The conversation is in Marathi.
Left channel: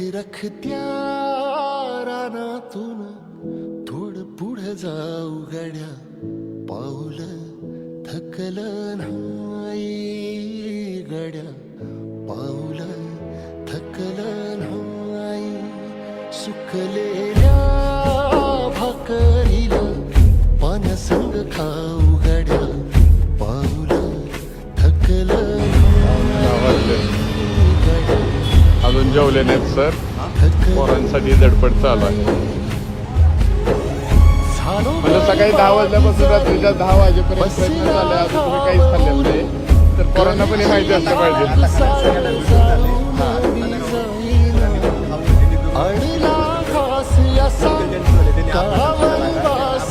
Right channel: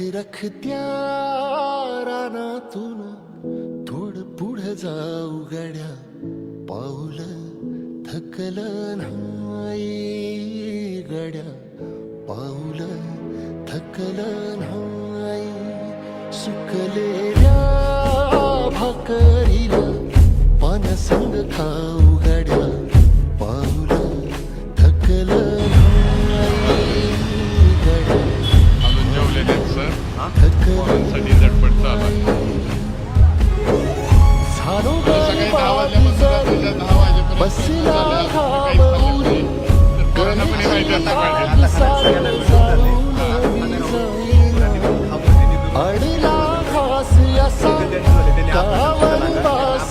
रखत्या रानातून थोडं पुढं जाऊ गड्या, पाऊल थकलं नाही गड्या, पाऊल थकलं नाही. सुकलेल्या भाकरीला पाण्यासंग खाऊ गड्या, पाऊल थकलं नाही गड्या. अजून जेवले नाहीत सर, पोरांसाठी झटपट चालू आहे. सकाळी 10 वाजल्यापासून रात्रीच्या 10 वाजेपर्यंत प्रयत्न झाले, अजून तुम्ही काहीच खाल्लेलं नाही. तर पोरांना पण हे माहिती असलं पाहिजे. अडला घास असा काळावर वास.